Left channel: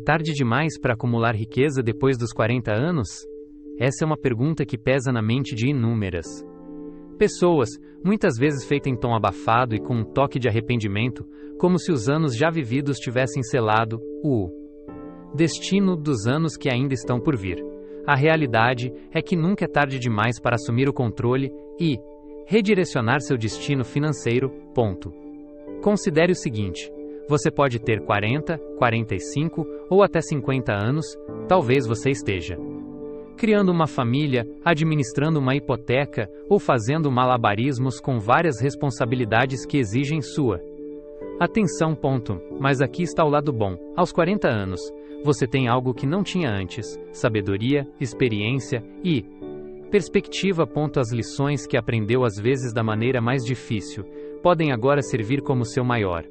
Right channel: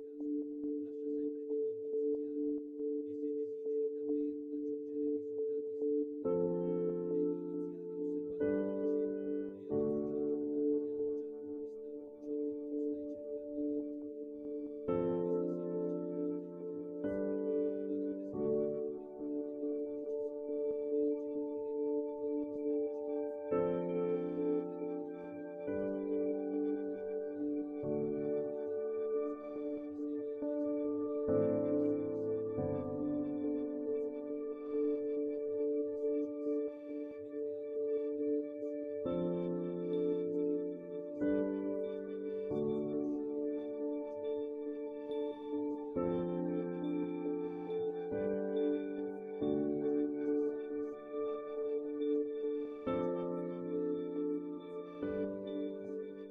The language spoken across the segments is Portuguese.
tarde demais para acumular riqueza depois dos 40 anos? Essa é uma pergunta que pesa na mente de inúmeras pessoas, muitas vezes feita em tom abafado e com um toque de arrependimento, como se os anos já vividos tivessem selado o destino dos anos que ainda estão por vir. A realidade é que nunca é tarde demais para assumir o controle e redirecionar seu destino financeiro. Ponto. Considere o seguinte: você pode ter 40, 45 ou até 50 anos, talvez você esteja criando uma família, administrando uma hipoteca ou fazendo malabarismos com várias responsabilidades que exigem sua atenção. Ponto. Mas aqui está o lado bom. Aos 40 anos, você tem algo que não tinha antes: sabedoria, experiência e perspectiva. Ponto. As lições que aprendeu às vezes da maneira mais difícil podem agora servir como seu maior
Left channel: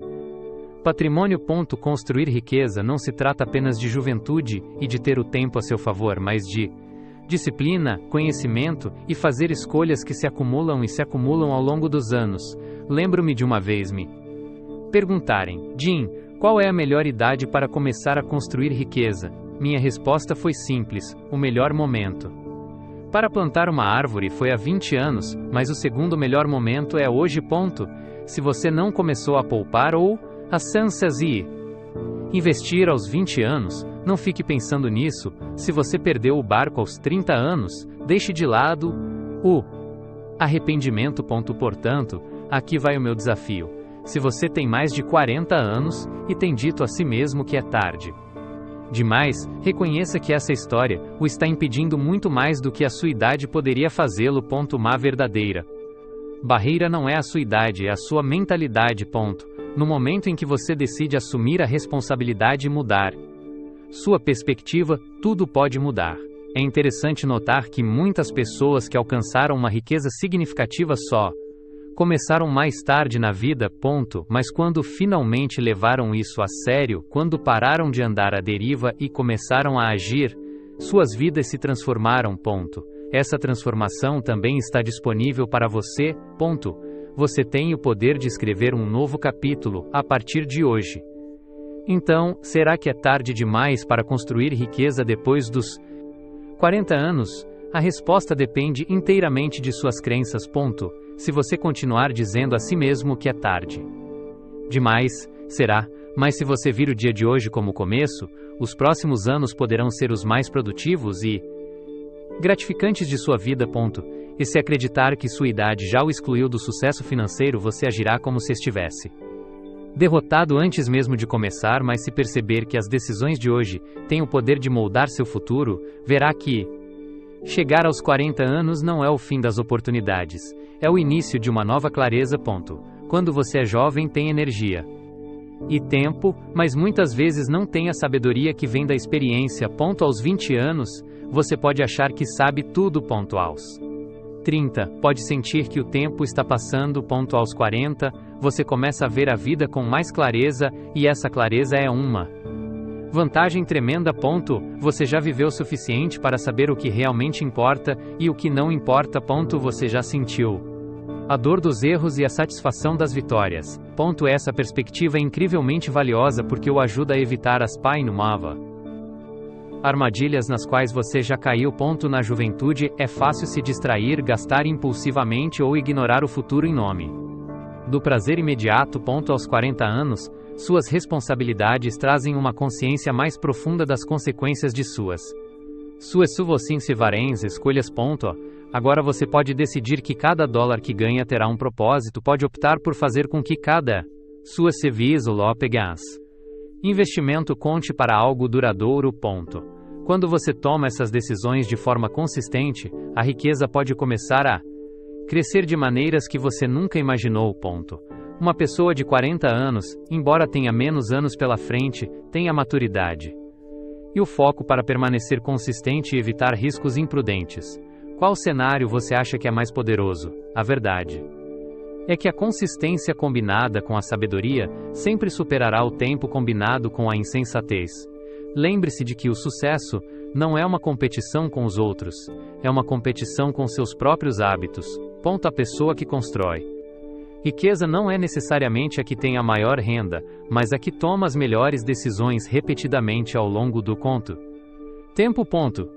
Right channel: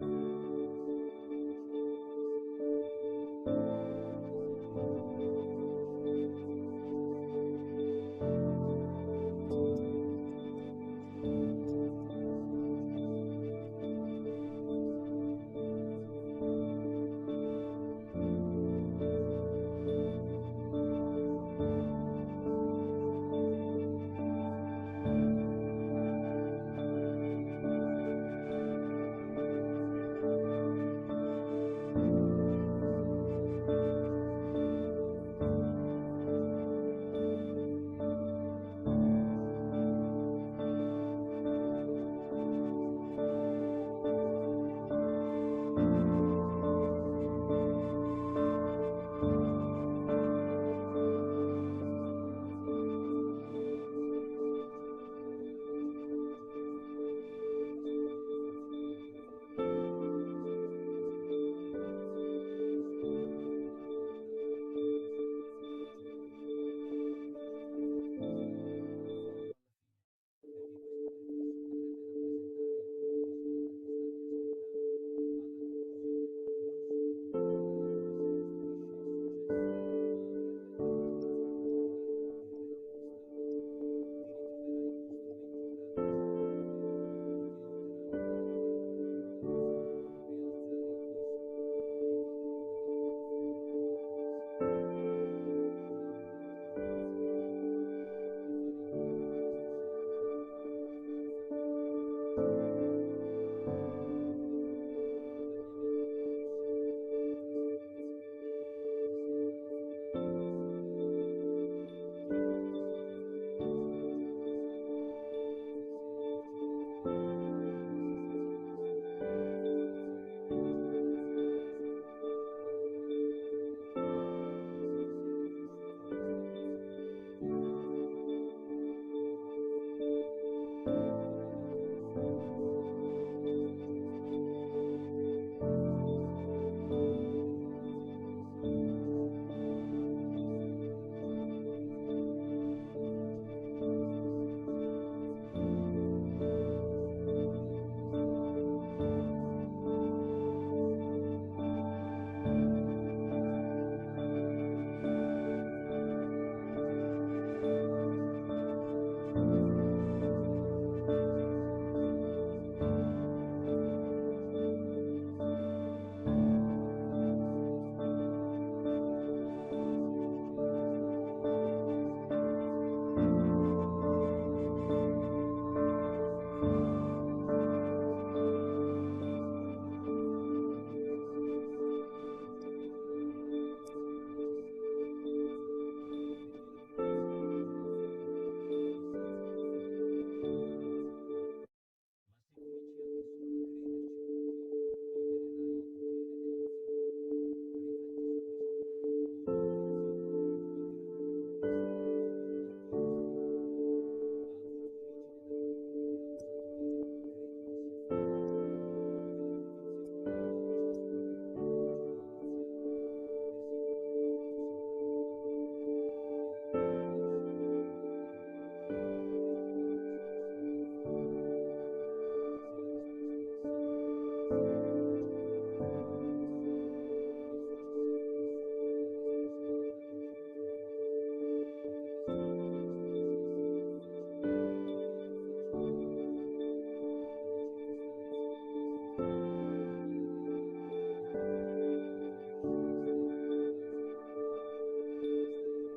patrimônio. Ponto. Construir riqueza não se trata apenas de juventude e de ter o tempo a seu favor, mas de disciplina, conhecimento e fazer escolhas que se acumulam e se acumulam ao longo dos anos. Lembro-me de uma vez me perguntarem: Jim, qual é a melhor idade para começar a construir riqueza? Minha resposta foi simples: o melhor momento para plantar uma árvore foi há 20 anos, mas o segundo melhor momento é hoje. Ponto. Se você não começou a poupar ou a e investir aos 20 anos, não fique pensando nisso. Se você perdeu o barco aos 30 anos, deixe de lado o arrependimento. Ponto. Portanto, aqui vai o meu desafio. Se você tem mais de 40 anos e tem dito a si mesmo que é tarde demais, reconheça que essa história o está impedindo muito mais do que a sua idade poderia fazê-lo. Ponto. Uma verdadeira barreira não é a sua idade, é a sua mentalidade. Ponto. No momento em que você decide assumir a responsabilidade e mudar sua perspectiva, tudo pode mudar. É interessante notar que muitas pessoas que alcançaram uma riqueza significativa só começaram mais tarde na vida. Ponto. Mas quando finalmente levaram isso a sério, quando pararam de andar à deriva e começaram a agir, suas vidas se transformaram. Ponto. Essa transformação também está disponível para você. Ponto. Você tem o poder de escrever um novo capítulo a partir de hoje. Então, será que é tarde demais para construir riqueza depois dos 40 anos? A resposta depende inteiramente de suas crenças. Ponto. Se você continuar dizendo a si mesmo que é tarde demais, será, mas se você vir o dia de hoje como começo, os próximos anos poderão ser os mais produtivos e gratificantes de sua vida. Ponto. E se acreditar que sua idade já o excluiu do sucesso financeiro, você agirá como se estivesse derrotado antes mesmo de começar. Mas se perceber que as decisões de hoje têm o poder de moldar seu futuro, verá que chegar aos 40 anos não é o fim das oportunidades, é o início de uma nova clareza. Ponto. Quando você é jovem, tem energia e tempo, mas muitas vezes não tem a sabedoria que vem da experiência. Ponto. Aos 20 anos, você pode achar que sabe tudo. Ponto. Aos 30, pode sentir que o tempo está passando. Ponto. Aos 40, você começa a ver a vida com mais clareza, e essa clareza é uma vantagem tremenda. Ponto. Você já viveu o suficiente para saber o que realmente importa e o que não importa. Ponto. Você já sentiu a dor dos erros e a satisfação das vitórias. Ponto. Essa perspectiva é incrivelmente valiosa porque o ajuda a evitar as armadilhas nas quais você já caiu. Ponto. Na juventude, é fácil se distrair, gastar impulsivamente ou ignorar o futuro em nome do prazer imediato. Ponto. Aos 40 anos, suas responsabilidades trazem uma consciência mais profunda das consequências de suas escolhas. Ponto. Agora você pode decidir que cada dólar que ganha terá um propósito. Pode optar por fazer com que cada sua serviço investimento conte para algo duradouro. Ponto. Quando você toma essas decisões de forma consistente, a riqueza pode começar a crescer de maneiras que você nunca imaginou. Ponto. Uma pessoa de 40 anos, embora tenha menos anos pela frente, tem a maturidade e o foco para permanecer consistente e evitar riscos imprudentes. Qual cenário você acha que é mais poderoso? A verdade é que a consistência combinada com a sabedoria sempre superará o tempo combinado com a insensatez. Lembre-se de que o sucesso não é uma competição com os outros, é uma competição com seus próprios hábitos. Ponto. A pessoa que constrói Riqueza não é necessariamente a que tem a maior renda, mas a que toma as melhores decisões repetidamente ao longo do conto. Tempo.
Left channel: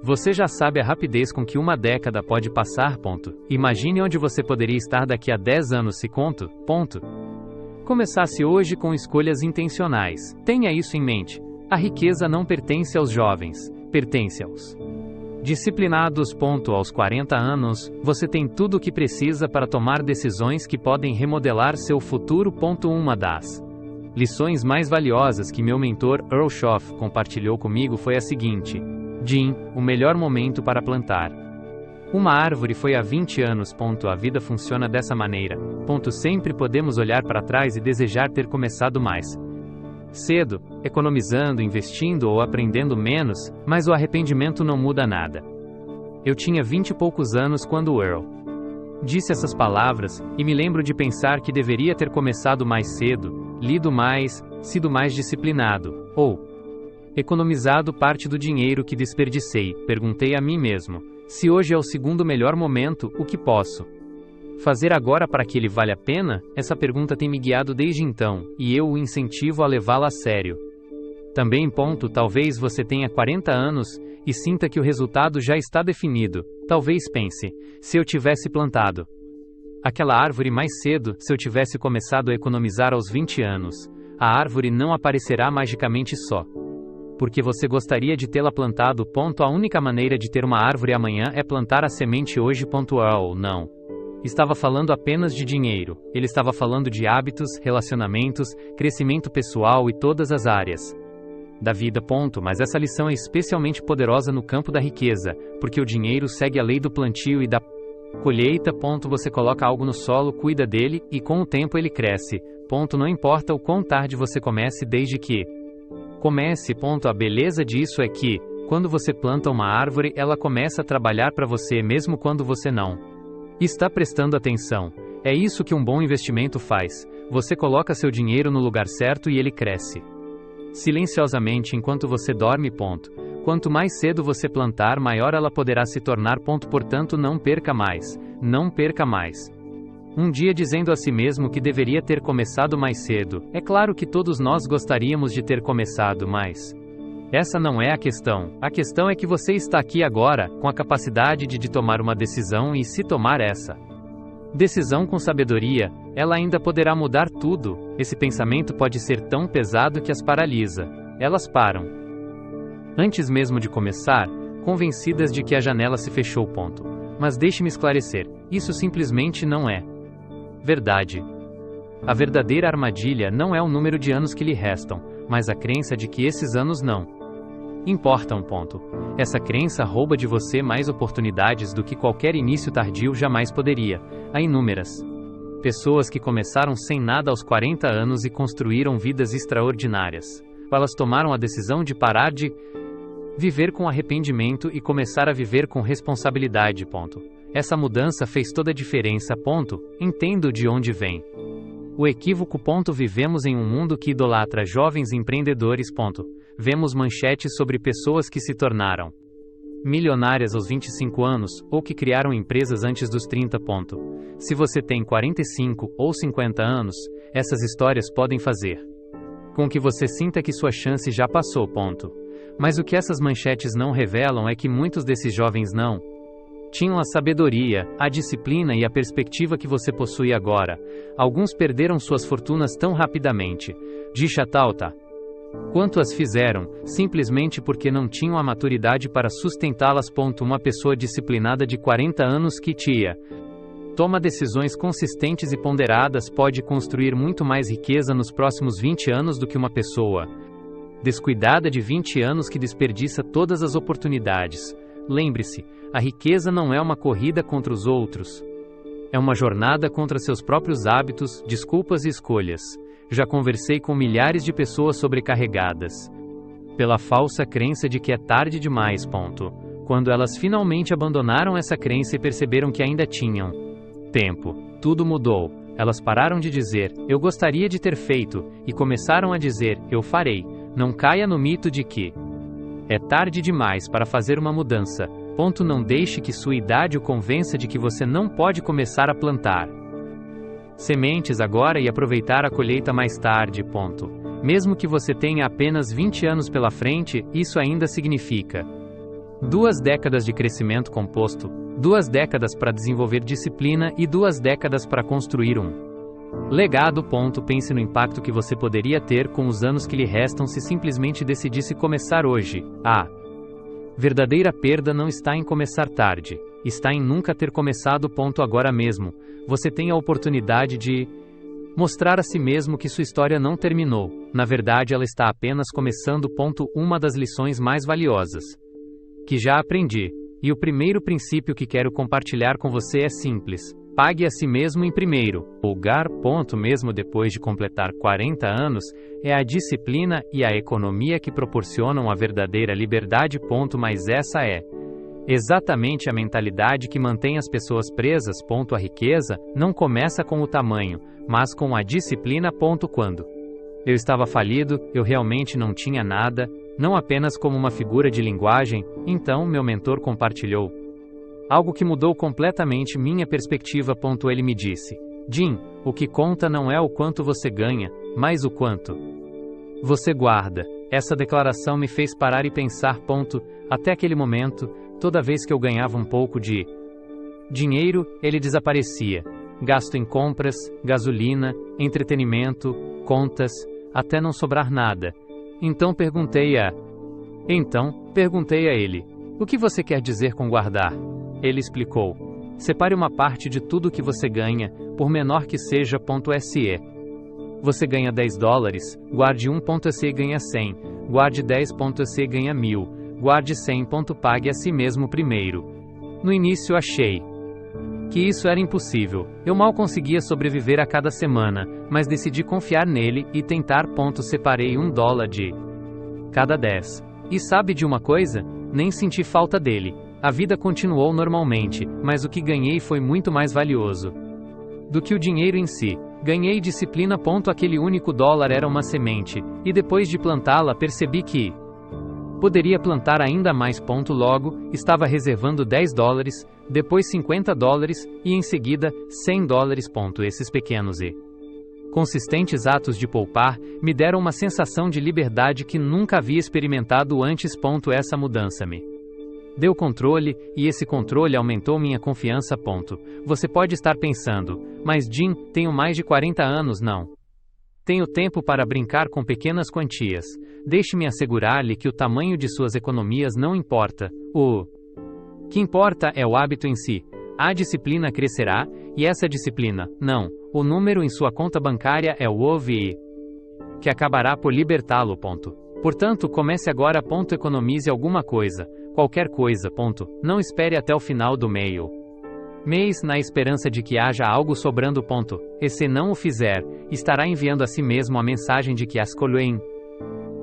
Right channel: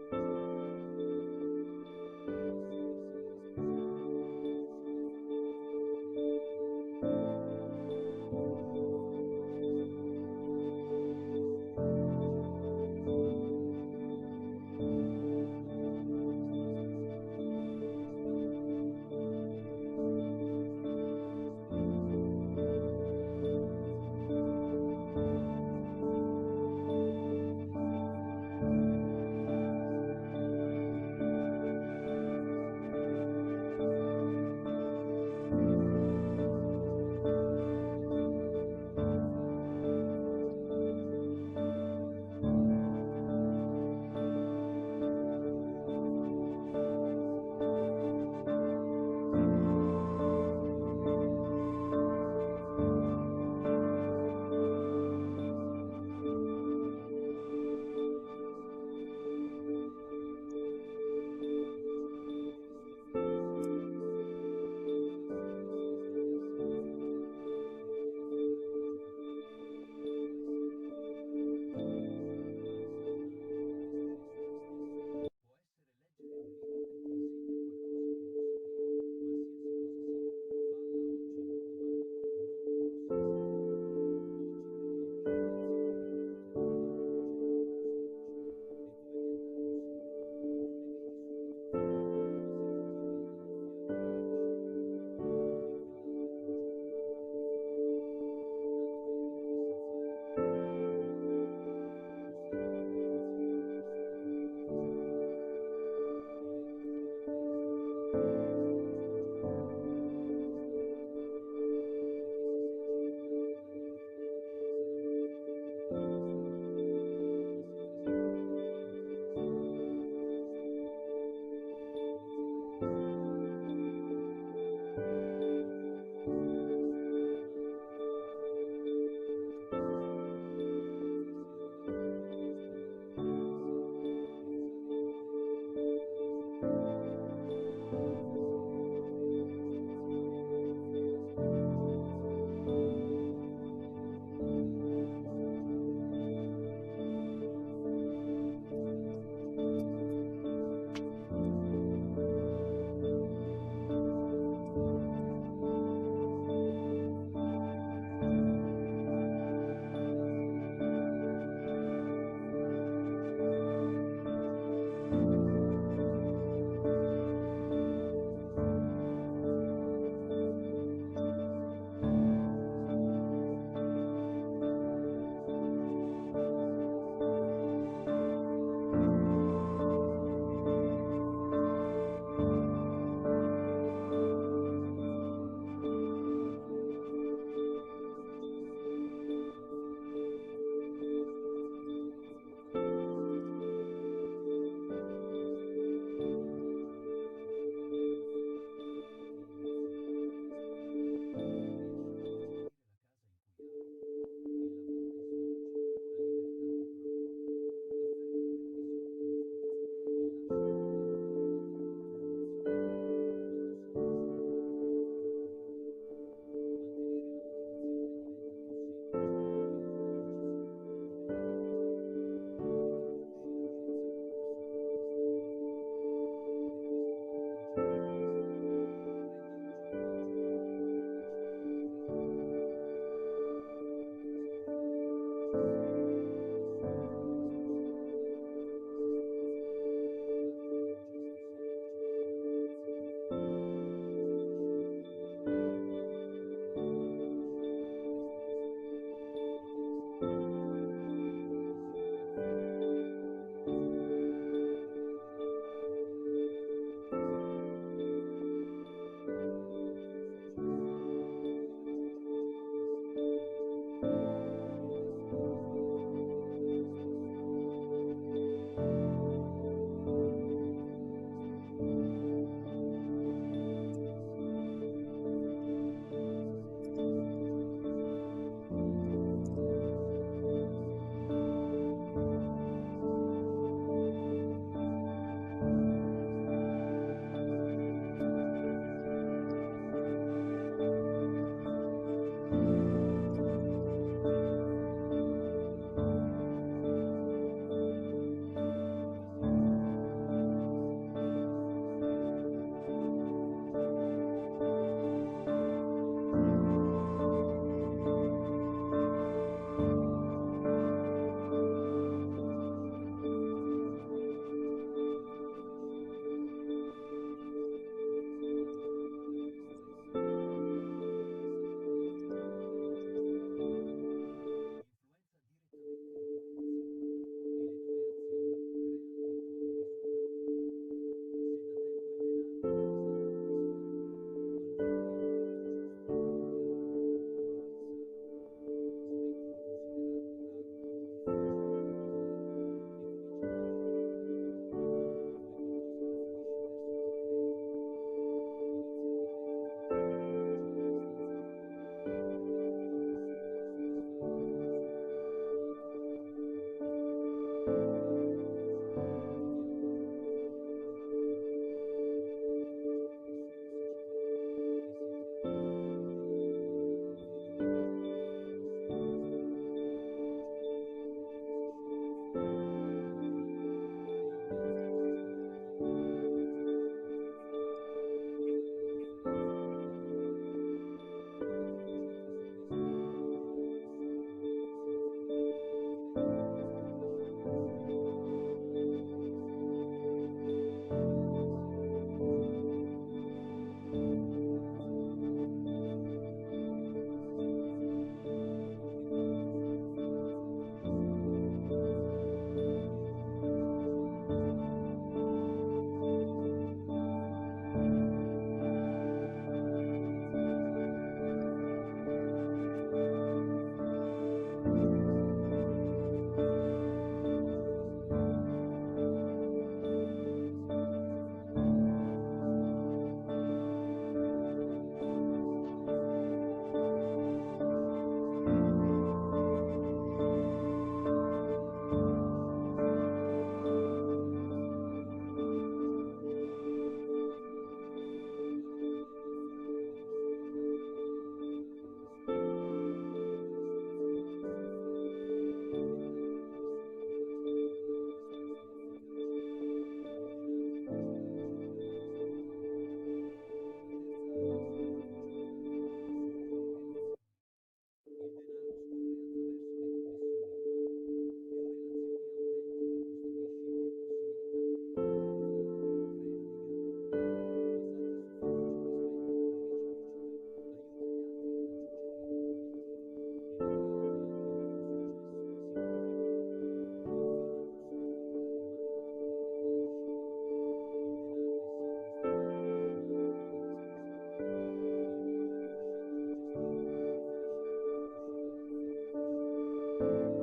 Você já sabe a rapidez com que uma década pode passar. Imagine onde você poderia estar daqui a 10 anos se começasse hoje com escolhas intencionais. Tenha isso em mente. A riqueza não pertence aos jovens, pertence aos disciplinados. Aos 40 anos, você tem tudo o que precisa para tomar decisões que podem remodelar seu futuro. Uma das lições mais valiosas que meu mentor Earl Schoff compartilhou comigo foi a seguinte: Jim, o melhor momento para plantar uma árvore foi há 20 anos. A vida funciona dessa maneira. Sempre podemos olhar para trás e desejar ter começado mais cedo, economizando, investindo ou aprendendo menos, mas o arrependimento não muda nada. Eu tinha 20 e poucos anos quando Earl disse essas palavras, e me lembro de pensar que deveria ter começado mais cedo, lido mais, sido mais disciplinado, ou economizado parte do dinheiro que desperdicei. Perguntei a mim mesmo: se hoje é o segundo melhor momento, o que posso fazer agora para que ele valha a pena? Essa pergunta tem me guiado desde então, e eu o incentivo a levá-la a sério. Também. Talvez você tenha 40 anos e sinta que o resultado já está definido. Talvez pense: se eu tivesse plantado aquela árvore mais cedo, se eu tivesse começado a economizar aos 20 anos, a árvore não aparecerá magicamente só porque você gostaria de tê-la plantado. A única maneira de ter uma árvore amanhã é plantar a semente hoje. Earl não estava falando apenas de dinheiro, ele estava falando de hábitos, relacionamentos, crescimento pessoal e todas as áreas da vida. Mas essa lição é especialmente poderosa no campo da riqueza, porque o dinheiro segue a lei do plantio e da colheita. Você coloca algo no solo, cuida dele, e com o tempo ele cresce. Não importa o quão tarde você comece, desde que comece. A beleza disso é que, quando você planta uma árvore, ela começa a trabalhar para você mesmo quando você não está prestando atenção. É isso que um bom investimento faz. Você coloca seu dinheiro no lugar certo e ele cresce silenciosamente enquanto você dorme. Quanto mais cedo você plantar, maior ela poderá se tornar. Portanto, não perca mais. Não perca mais um dia dizendo a si mesmo que deveria ter começado mais cedo. É claro que todos nós gostaríamos de ter começado mais. Essa não é a questão. A questão é que você está aqui agora, com a capacidade de tomar uma decisão, e se tomar essa decisão com sabedoria, ela ainda poderá mudar tudo. Esse pensamento pode ser tão pesado que as paralisa. Elas param antes mesmo de começar, convencidas de que a janela se fechou. Mas deixe-me esclarecer, isso simplesmente não é verdade. A verdadeira armadilha não é o número de anos que lhe restam, mas a crença de que esses anos não importam. Essa crença rouba de você mais oportunidades do que qualquer início tardio jamais poderia. Há inúmeras pessoas que começaram sem nada aos 40 anos e construíram vidas extraordinárias. Elas tomaram a decisão de parar de viver com arrependimento e começar a viver com responsabilidade. Essa mudança fez toda a diferença. Entendo de onde vem o equívoco. Vivemos em um mundo que idolatra jovens empreendedores. Vemos manchetes sobre pessoas que se tornaram milionárias aos 25 anos, ou que criaram empresas antes dos 30. Se você tem 45 ou 50 anos, essas histórias podem fazer com que você sinta que sua chance já passou. Mas o que essas manchetes não revelam é que muitos desses jovens não tinham a sabedoria, a disciplina e a perspectiva que você possui agora. Alguns perderam suas fortunas tão rapidamente. Dicha Tauta. Quanto as fizeram, simplesmente porque não tinham a maturidade para sustentá-las. Uma pessoa disciplinada de 40 anos que toma decisões consistentes e ponderadas pode construir muito mais riqueza nos próximos 20 anos do que uma pessoa descuidada de 20 anos que desperdiça todas as oportunidades. Lembre-se, a riqueza não é uma corrida contra os outros. É uma jornada contra seus próprios hábitos, desculpas e escolhas. Já conversei com milhares de pessoas sobrecarregadas pela falsa crença de que é tarde demais. Quando elas finalmente abandonaram essa crença e perceberam que ainda tinham tempo, tudo mudou. Elas pararam de dizer, eu gostaria de ter feito, e começaram a dizer, eu farei. Não caia no mito de que é tarde demais para fazer uma mudança. Não deixe que sua idade o convença de que você não pode começar a plantar sementes agora e aproveitar a colheita mais tarde. Mesmo que você tenha apenas 20 anos pela frente, isso ainda significa 2 décadas de crescimento composto, 2 décadas para desenvolver disciplina e 2 décadas para construir um legado. Pense no impacto que você poderia ter com os anos que lhe restam se simplesmente decidisse começar hoje. A verdadeira perda não está em começar tarde, está em nunca ter começado. Agora mesmo, você tem a oportunidade de mostrar a si mesmo que sua história não terminou. Na verdade, ela está apenas começando. Uma das lições mais valiosas que já aprendi, e o primeiro princípio que quero compartilhar com você é simples: pague a si mesmo em primeiro lugar. Mesmo depois de completar 40 anos, é a disciplina e a economia que proporcionam a verdadeira liberdade. Mas essa é exatamente a mentalidade que mantém as pessoas presas. A riqueza não começa com o tamanho, mas com a disciplina. Quando eu estava falido, eu realmente não tinha nada, não apenas como uma figura de linguagem. Então meu mentor compartilhou algo que mudou completamente minha perspectiva. Ele me disse: Jim, o que conta não é o quanto você ganha, mas o quanto você guarda. Essa declaração me fez parar e pensar. Até aquele momento, toda vez que eu ganhava um pouco de dinheiro, ele desaparecia. Gasto em compras, gasolina, entretenimento, contas, até não sobrar nada. Então perguntei a ele: o que você quer dizer com guardar? Ele explicou: separe uma parte de tudo que você ganha, por menor que seja. Se você ganha $10, guarde 1. Se ganha 100, guarde 10. Se ganha 1000, guarde 100. Pague a si mesmo primeiro. No início achei que isso era impossível. Eu mal conseguia sobreviver a cada semana, mas decidi confiar nele e tentar. Separei $1 de cada 10. E sabe de uma coisa? Nem senti falta dele. A vida continuou normalmente, mas o que ganhei foi muito mais valioso do que o dinheiro em si. Ganhei disciplina. Aquele único dólar era uma semente, e depois de plantá-la percebi que poderia plantar ainda mais. Logo, estava reservando $10, depois $50 e em seguida $100. Esses pequenos e consistentes atos de poupar me deram uma sensação de liberdade que nunca havia experimentado antes. Essa mudança me deu controle, e esse controle aumentou minha confiança. Você pode estar pensando: mas Jim, tenho mais de 40 anos. Não tenho tempo para brincar com pequenas quantias. Deixe-me assegurar-lhe que o tamanho de suas economias não importa. O que importa é o hábito em si. A disciplina crescerá, e essa disciplina, não, o número em sua conta bancária é o OVI, que acabará por libertá-lo. Portanto, comece agora. Economize alguma coisa, qualquer coisa. Não espere até o final do mês na esperança de que haja algo sobrando. E se não o fizer, estará enviando a si mesmo a mensagem de que as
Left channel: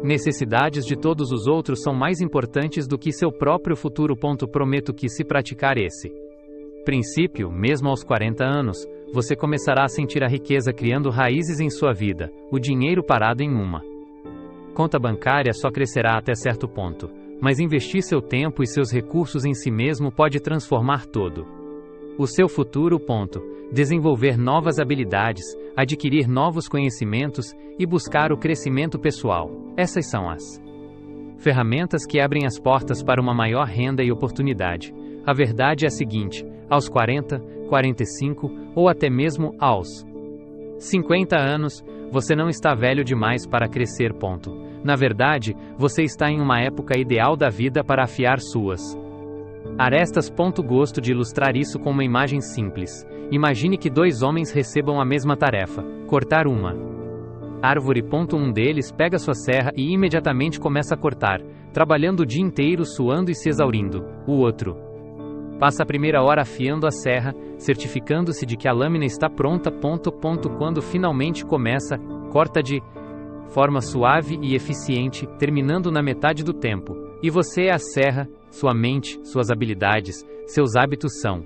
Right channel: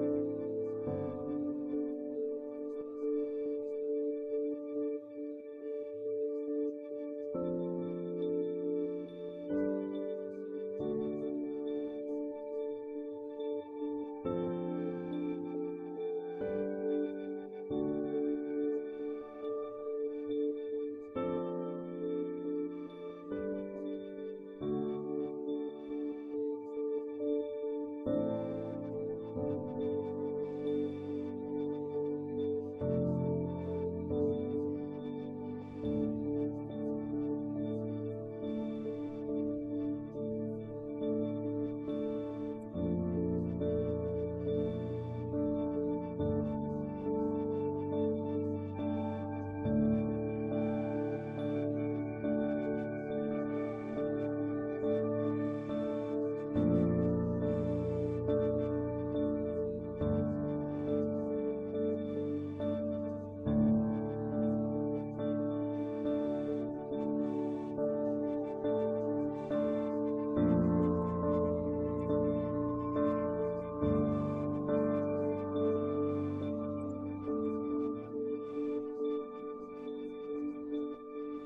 necessidades de todos os outros são mais importantes do que seu próprio futuro. Prometo que, se praticar esse princípio, mesmo aos 40 anos, você começará a sentir a riqueza criando raízes em sua vida. O dinheiro parado em uma conta bancária só crescerá até certo ponto, mas investir seu tempo e seus recursos em si mesmo pode transformar todo o seu futuro. Desenvolver novas habilidades, adquirir novos conhecimentos e buscar o crescimento pessoal. Essas são as ferramentas que abrem as portas para uma maior renda e oportunidade. A verdade é a seguinte: aos 40, 45 ou até mesmo aos 50 anos, você não está velho demais para crescer. Na verdade, você está em uma época ideal da vida para afiar suas arestas. Gosto de ilustrar isso com uma imagem simples. Imagine que 2 homens recebam a mesma tarefa: cortar uma árvore. Um deles pega sua serra e imediatamente começa a cortar, trabalhando o dia inteiro, suando e se exaurindo. O outro passa a primeira hora afiando a serra, certificando-se de que a lâmina está pronta. Quando finalmente começa, corta de forma suave e eficiente, terminando na metade do tempo. E você é a serra, sua mente, suas habilidades, seus hábitos são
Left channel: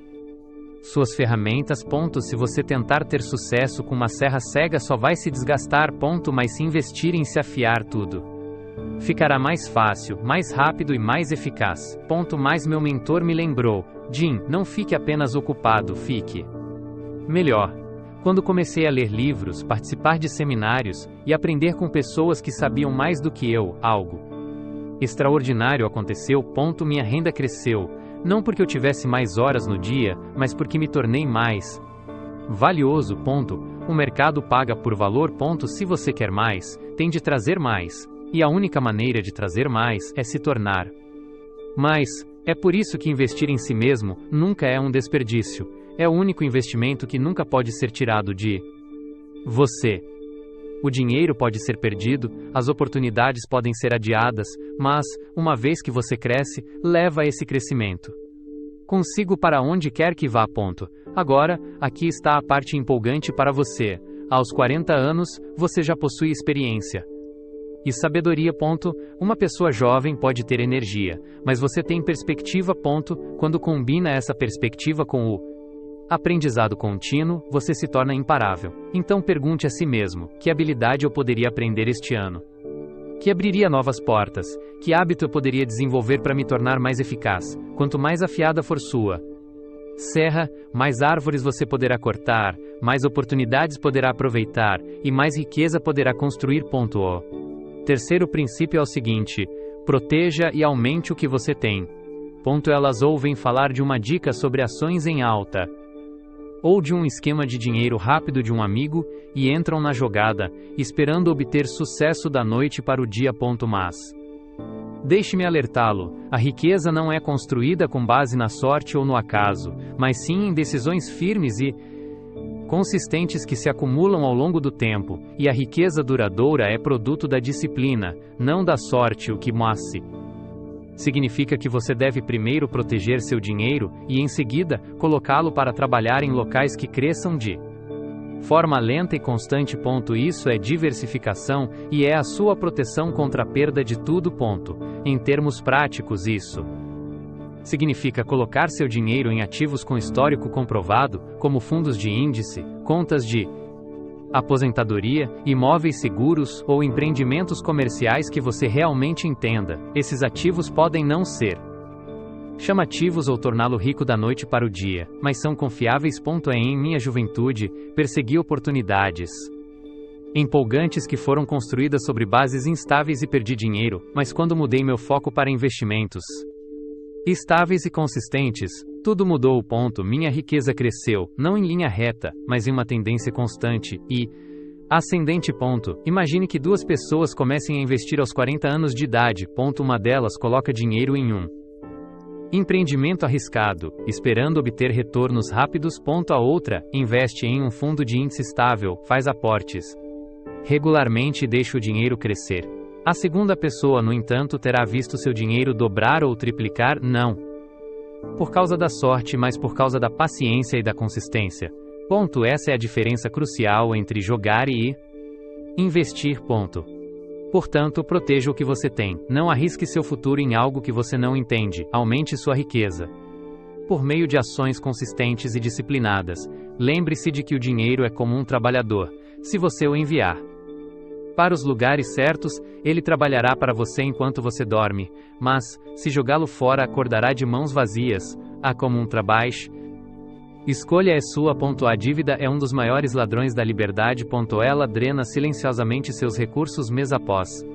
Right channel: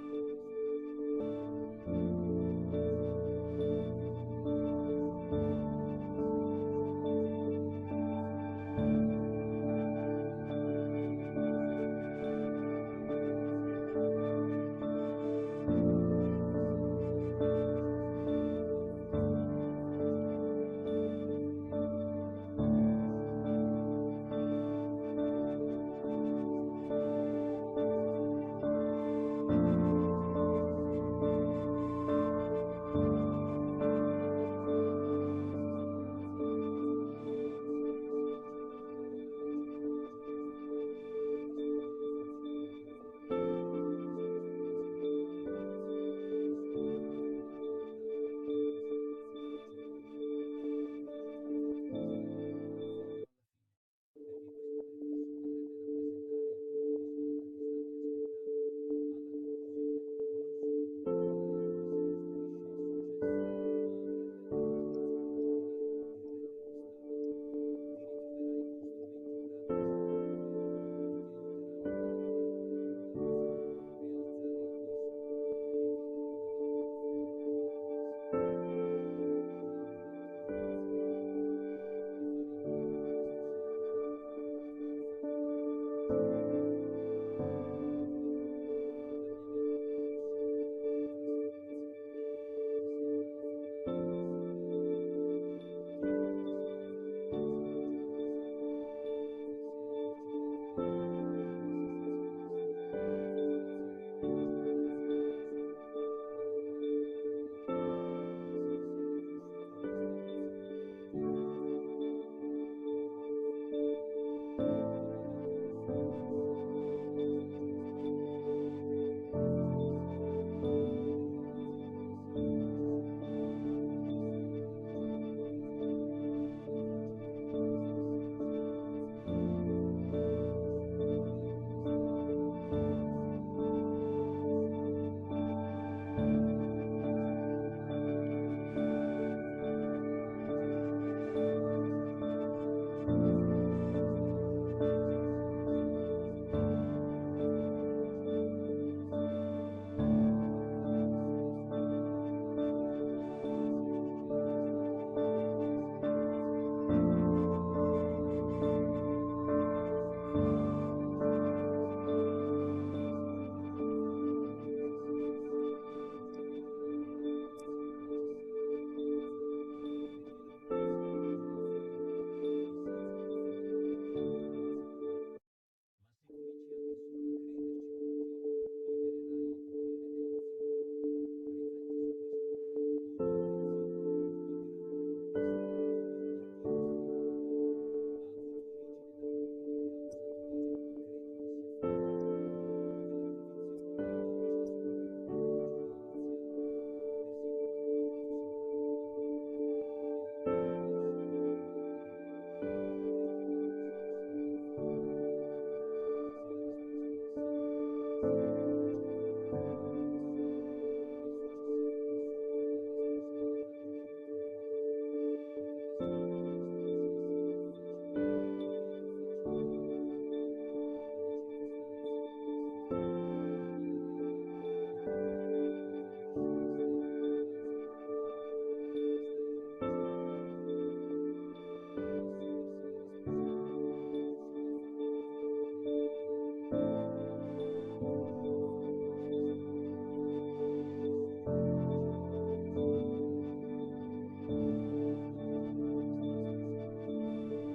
suas ferramentas. Se você tentar ter sucesso com uma serra cega, só vai se desgastar. Mas se investir em se afiar, tudo ficará mais fácil, mais rápido e mais eficaz. Mas meu mentor me lembrou: Jim, não fique apenas ocupado, fique melhor. Quando comecei a ler livros, participar de seminários e aprender com pessoas que sabiam mais do que eu, algo extraordinário aconteceu. Minha renda cresceu, não porque eu tivesse mais horas no dia, mas porque me tornei mais valioso. O mercado paga por valor. Se você quer mais, tem de trazer mais. E a única maneira de trazer mais é se tornar mais. É por isso que investir em si mesmo nunca é um desperdício. É o único investimento que nunca pode ser tirado de você. O dinheiro pode ser perdido, as oportunidades podem ser adiadas, mas, uma vez que você cresce, leva esse crescimento consigo para onde quer que vá. Agora, aqui está a parte empolgante para você. Aos 40 anos, você já possui experiência e sabedoria. Uma pessoa jovem pode ter energia, mas você tem perspectiva. Quando combina essa perspectiva com o aprendizado contínuo, você se torna imparável. Então pergunte a si mesmo: que habilidade eu poderia aprender este ano? Que abriria novas portas? Que hábito eu poderia desenvolver para me tornar mais eficaz? Quanto mais afiada for sua serra, mais árvores você poderá cortar, mais oportunidades poderá aproveitar e mais riqueza poderá construir. O terceiro princípio é o seguinte: proteja e aumente o que você tem. Elas ouvem falar de uma dica sobre ações em alta ou de um esquema de dinheiro rápido de um amigo e entram na jogada, esperando obter sucesso da noite para o dia. Mas deixe-me alertá-lo: a riqueza não é construída com base na sorte ou no acaso, mas sim em decisões firmes e consistentes que se acumulam ao longo do tempo, e a riqueza duradoura é produto da disciplina, não da sorte. O que significa que você deve primeiro proteger seu dinheiro e, em seguida, colocá-lo para trabalhar em locais que cresçam de forma lenta e constante. Isso é diversificação e é a sua proteção contra a perda de tudo. Em termos práticos, isso significa colocar seu dinheiro em ativos com histórico comprovado, como fundos de índice, contas de aposentadoria, imóveis seguros ou empreendimentos comerciais que você realmente entenda. Esses ativos podem não ser chamativos ou torná-lo rico da noite para o dia, mas são confiáveis. Em minha juventude, persegui oportunidades empolgantes que foram construídas sobre bases instáveis e perdi dinheiro, mas quando mudei meu foco para investimentos estáveis e consistentes, tudo mudou. Minha riqueza cresceu, não em linha reta, mas em uma tendência constante e ascendente. Imagine que duas pessoas comecem a investir aos 40 anos de idade. Uma delas coloca dinheiro em um empreendimento arriscado, esperando obter retornos rápidos. A outra investe em um fundo de índice estável, faz aportes regularmente e deixa o dinheiro crescer. A segunda pessoa, no entanto, terá visto seu dinheiro dobrar ou triplicar, não por causa da sorte, mas por causa da paciência e da consistência. Essa é a diferença crucial entre jogar e investir. Portanto, proteja o que você tem. Não arrisque seu futuro em algo que você não entende. Aumente sua riqueza por meio de ações consistentes e disciplinadas. Lembre-se de que o dinheiro é como um trabalhador. Se você o enviar para os lugares certos, ele trabalhará para você enquanto você dorme, mas, se jogá-lo fora, acordará de mãos vazias. Como um trabalho. Escolha é sua. A dívida é um dos maiores ladrões da liberdade. Ela drena silenciosamente seus recursos mês após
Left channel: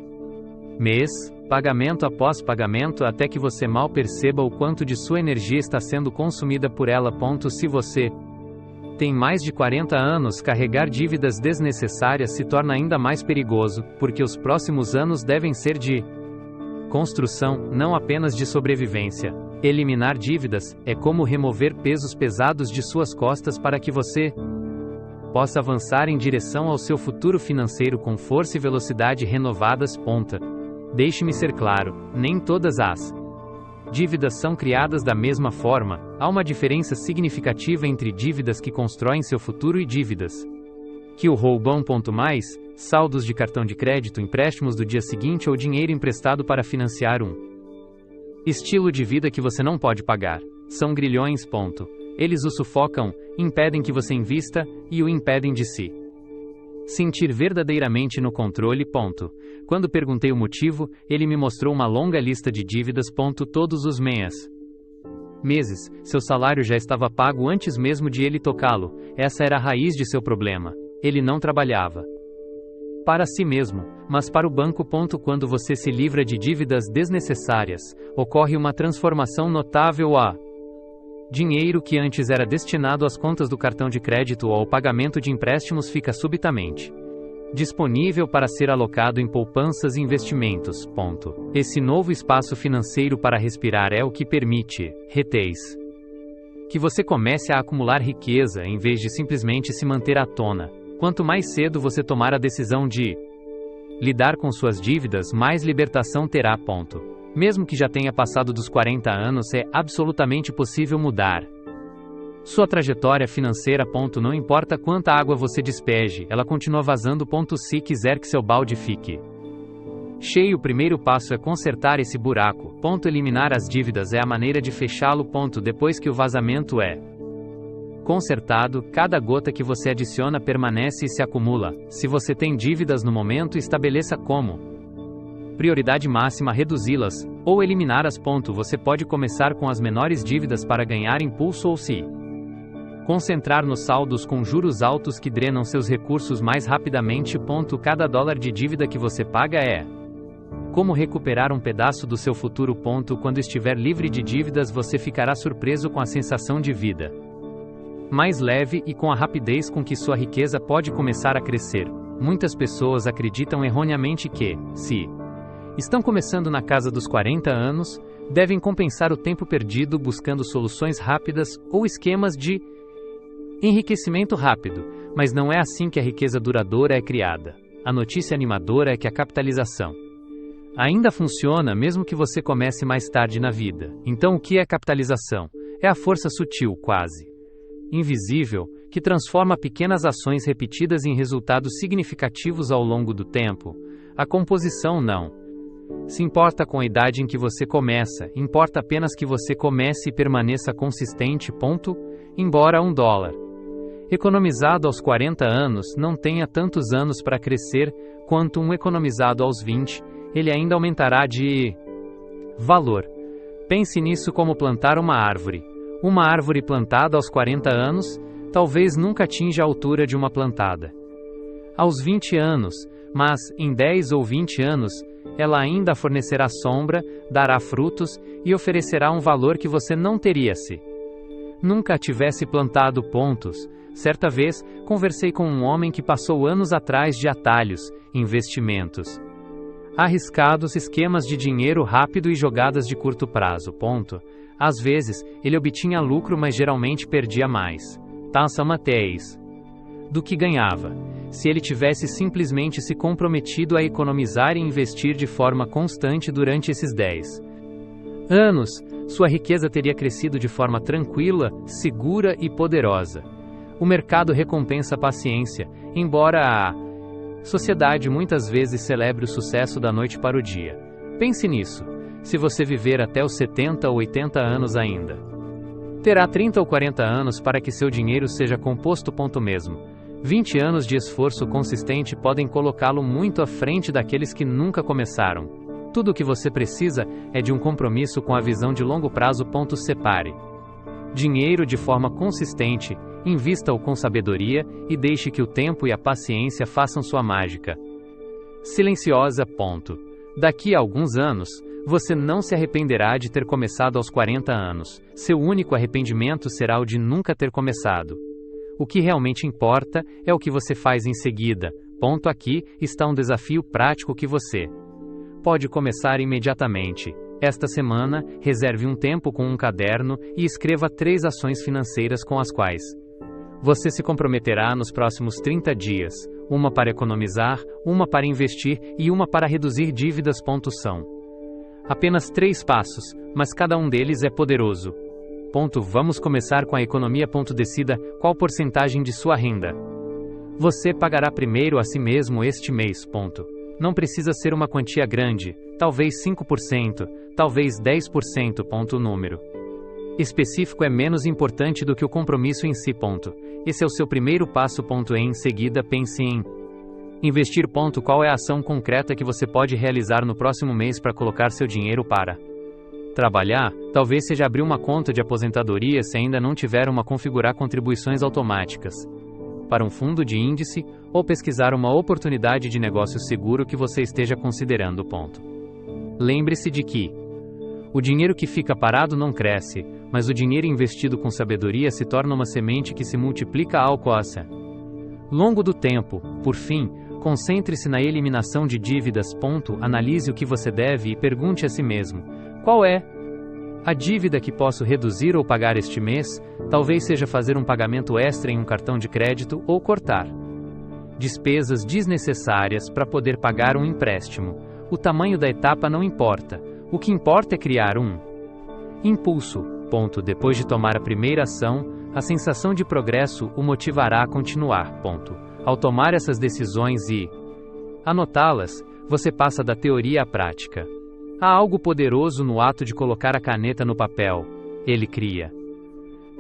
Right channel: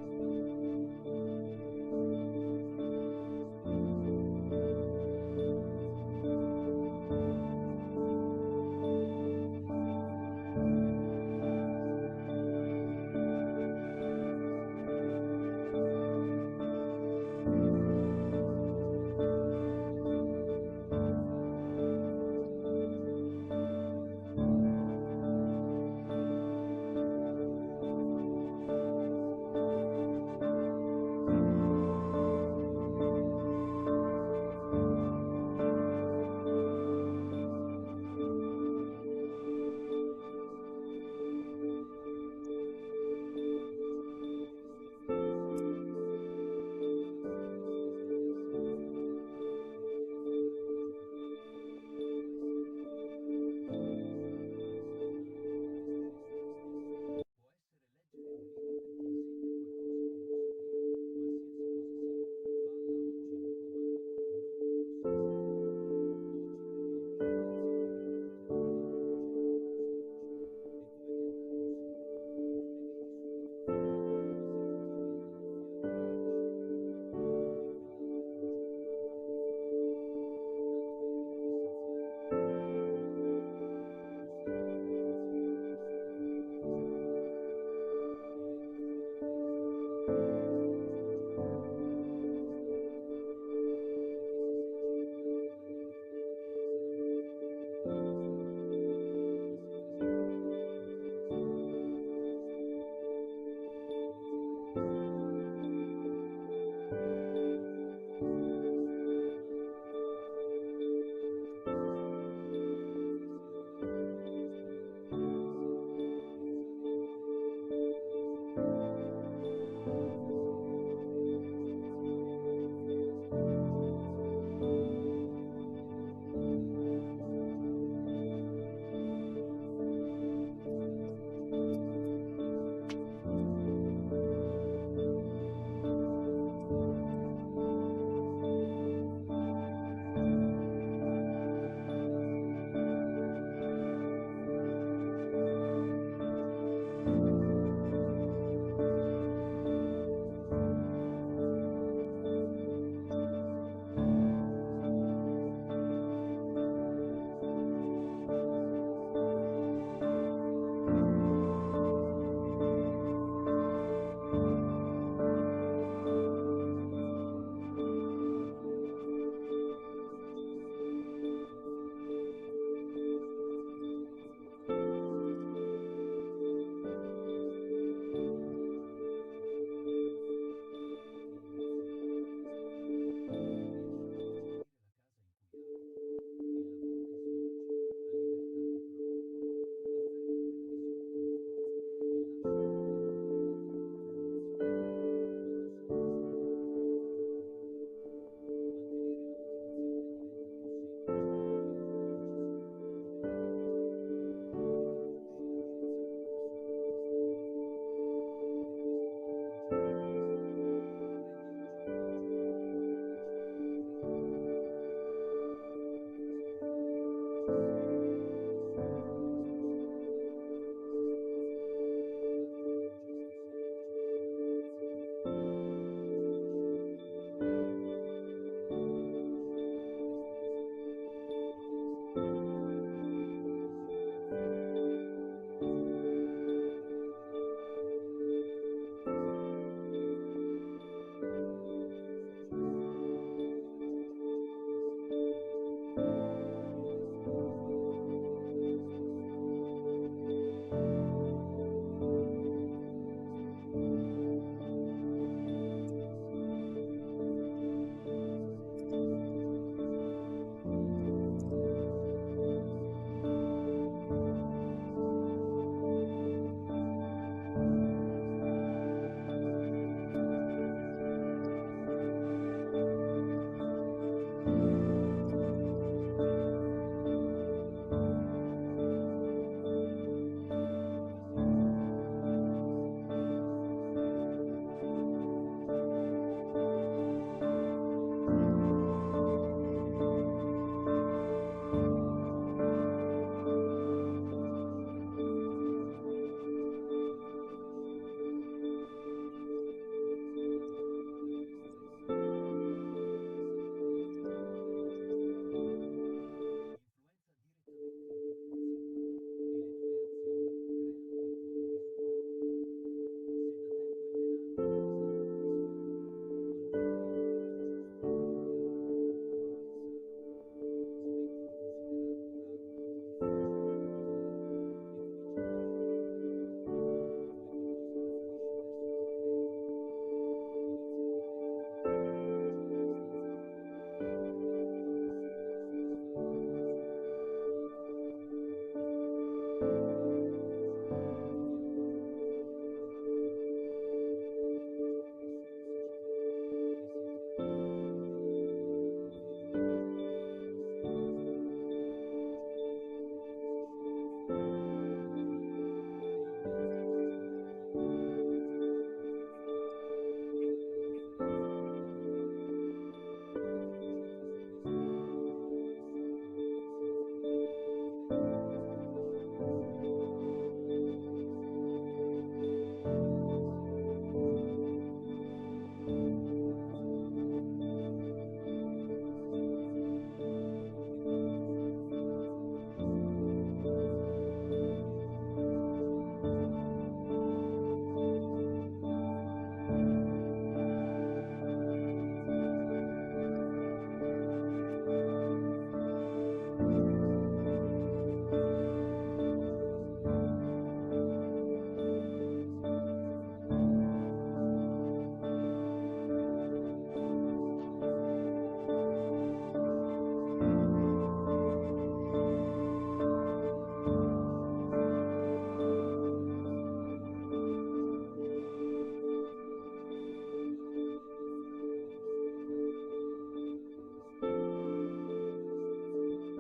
mês, pagamento após pagamento, até que você mal perceba o quanto de sua energia está sendo consumida por ela. Se você tem mais de 40 anos, carregar dívidas desnecessárias se torna ainda mais perigoso, porque os próximos anos devem ser de construção, não apenas de sobrevivência. Eliminar dívidas é como remover pesos pesados de suas costas para que você possa avançar em direção ao seu futuro financeiro com força e velocidade renovadas. Deixe-me ser claro, nem todas as dívidas são criadas da mesma forma. Há uma diferença significativa entre dívidas que constroem seu futuro e dívidas que o roubam. Mais, saldos de cartão de crédito, empréstimos do dia seguinte ou dinheiro emprestado para financiar um estilo de vida que você não pode pagar. São grilhões. Eles o sufocam, impedem que você invista e o impedem de se sentir verdadeiramente no controle. Quando perguntei o motivo, ele me mostrou uma longa lista de dívidas. Todos os meses, seu salário já estava pago antes mesmo de ele tocá-lo. Essa era a raiz de seu problema. Ele não trabalhava para si mesmo, mas para o banco. Quando você se livra de dívidas desnecessárias, ocorre uma transformação notável. Dinheiro que antes era destinado às contas do cartão de crédito ou ao pagamento de empréstimos fica subitamente disponível para ser alocado em poupanças e investimentos. Esse novo espaço financeiro para respirar é o que permite, que você comece a acumular riqueza em vez de simplesmente se manter à tona. Quanto mais cedo você tomar a decisão de lidar com suas dívidas, mais libertação terá. Mesmo que já tenha passado dos 40 anos, é absolutamente possível mudar sua trajetória financeira. Não importa quanta água você despeje, ela continua vazando. Se quiser que seu balde fique cheio, o primeiro passo é consertar esse buraco. Eliminar as dívidas é a maneira de fechá-lo. Depois que o vazamento é consertado, cada gota que você adiciona permanece e se acumula. Se você tem dívidas no momento, estabeleça como prioridade máxima reduzi-las, ou eliminá-las. Você pode começar com as menores dívidas para ganhar impulso ou se concentrar nos saldos com juros altos que drenam seus recursos mais rapidamente. Cada dólar de dívida que você paga é como recuperar um pedaço do seu futuro. Quando estiver livre de dívidas, você ficará surpreso com a sensação de vida mais leve e com a rapidez com que sua riqueza pode começar a crescer. Muitas pessoas acreditam erroneamente que, se estão começando na casa dos 40 anos, devem compensar o tempo perdido buscando soluções rápidas ou esquemas de enriquecimento rápido, mas não é assim que a riqueza duradoura é criada. A notícia animadora é que a capitalização ainda funciona mesmo que você comece mais tarde na vida. Então, o que é capitalização? É a força sutil, quase invisível, que transforma pequenas ações repetidas em resultados significativos ao longo do tempo. A composição não se importa com a idade em que você começa, importa apenas que você comece e permaneça consistente. Embora $1 economizado aos 40 anos não tenha tantos anos para crescer quanto um economizado aos 20, ele ainda aumentará de valor. Pense nisso como plantar uma árvore. Uma árvore plantada aos 40 anos, talvez nunca atinja a altura de uma plantada aos 20 anos, mas, em 10 ou 20 anos, ela ainda fornecerá sombra, dará frutos e oferecerá um valor que você não teria se nunca a tivesse plantado. Certa vez, conversei com um homem que passou anos atrás de atalhos, investimentos arriscados, esquemas de dinheiro rápido e jogadas de curto prazo. Às vezes, ele obtinha lucro, mas geralmente perdia mais do que ganhava. Se ele tivesse simplesmente se comprometido a economizar e investir de forma constante durante esses 10 anos, sua riqueza teria crescido de forma tranquila, segura e poderosa. O mercado recompensa a paciência, embora a sociedade muitas vezes celebre o sucesso da noite para o dia. Pense nisso. Se você viver até os 70 ou 80 anos ainda, terá 30 ou 40 anos para que seu dinheiro seja composto. Mesmo 20 anos de esforço consistente podem colocá-lo muito à frente daqueles que nunca começaram. Tudo o que você precisa é de um compromisso com a visão de longo prazo. Separe dinheiro de forma consistente, invista-o com sabedoria e deixe que o tempo e a paciência façam sua mágica silenciosa. Daqui a alguns anos, você não se arrependerá de ter começado aos 40 anos. Seu único arrependimento será o de nunca ter começado. O que realmente importa é o que você faz em seguida. Aqui está um desafio prático que você pode começar imediatamente. Esta semana, reserve um tempo com um caderno e escreva 3 ações financeiras com as quais você se comprometerá nos próximos 30 dias. Uma para economizar, uma para investir e uma para reduzir dívidas. São apenas 3 passos, mas cada um deles é poderoso. Vamos começar com a economia. Decida qual porcentagem de sua renda você pagará primeiro a si mesmo este mês. Não precisa ser uma quantia grande, talvez 5%, talvez 10%. O número específico é menos importante do que o compromisso em si. Esse é o seu primeiro passo. Em seguida, pense em investir. Qual é a ação concreta que você pode realizar no próximo mês para colocar seu dinheiro para Trabalhar, talvez seja abrir uma conta de aposentadoria se ainda não tiver uma configurar contribuições automáticas para um fundo de índice ou pesquisar uma oportunidade de negócio seguro que você esteja considerando. Lembre-se de que o dinheiro que fica parado não cresce, mas o dinheiro investido com sabedoria se torna uma semente que se multiplica ao longo do tempo. Por fim, concentre-se na eliminação de dívidas. Analise o que você deve e pergunte a si mesmo: qual é a dívida que posso reduzir ou pagar este mês? Talvez seja fazer um pagamento extra em um cartão de crédito ou cortar despesas desnecessárias para poder pagar um empréstimo. O tamanho da etapa não importa. O que importa é criar um impulso. Depois de tomar a primeira ação, a sensação de progresso o motivará a continuar. Ao tomar essas decisões e anotá-las, você passa da teoria à prática. Há algo poderoso no ato de colocar a caneta no papel. Ele cria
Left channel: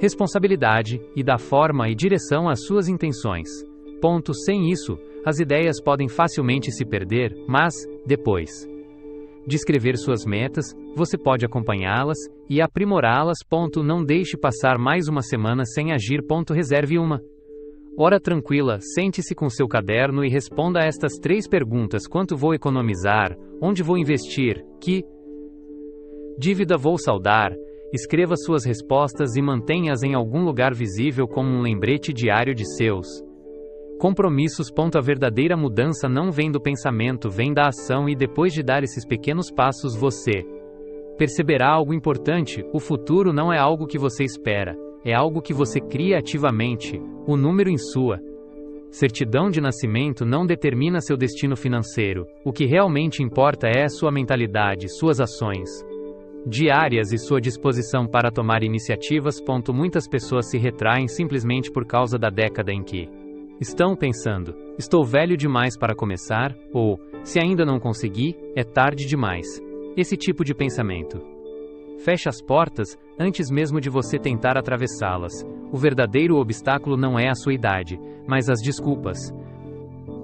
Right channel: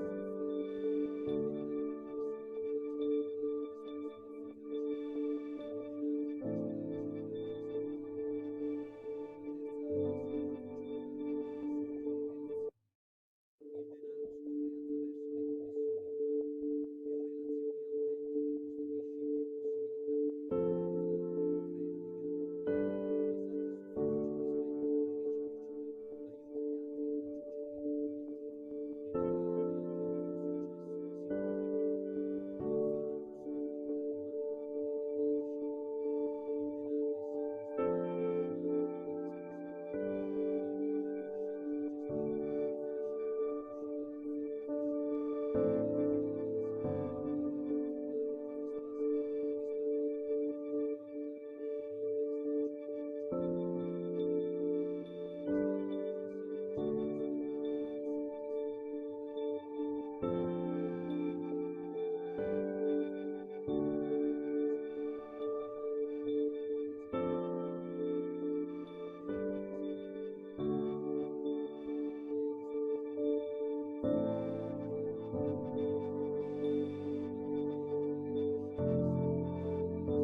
responsabilidade e dá forma e direção às suas intenções. Sem isso, as ideias podem facilmente se perder, mas, depois de escrever suas metas, você pode acompanhá-las e aprimorá-las. Não deixe passar mais uma semana sem agir. Reserve uma hora tranquila, sente-se com seu caderno e responda a estas 3 perguntas: quanto vou economizar? Onde vou investir? Que dívida vou saldar? Escreva suas respostas e mantenha-as em algum lugar visível como um lembrete diário de seus compromissos. A verdadeira mudança não vem do pensamento, vem da ação, e depois de dar esses pequenos passos você perceberá algo importante: o futuro não é algo que você espera, é algo que você cria ativamente. O número em sua certidão de nascimento não determina seu destino financeiro. O que realmente importa é sua mentalidade, suas ações diárias e sua disposição para tomar iniciativas. Muitas pessoas se retraem simplesmente por causa da década em que estão pensando: estou velho demais para começar, ou, se ainda não consegui, é tarde demais. Esse tipo de pensamento fecha as portas antes mesmo de você tentar atravessá-las. O verdadeiro obstáculo não é a sua idade, mas as desculpas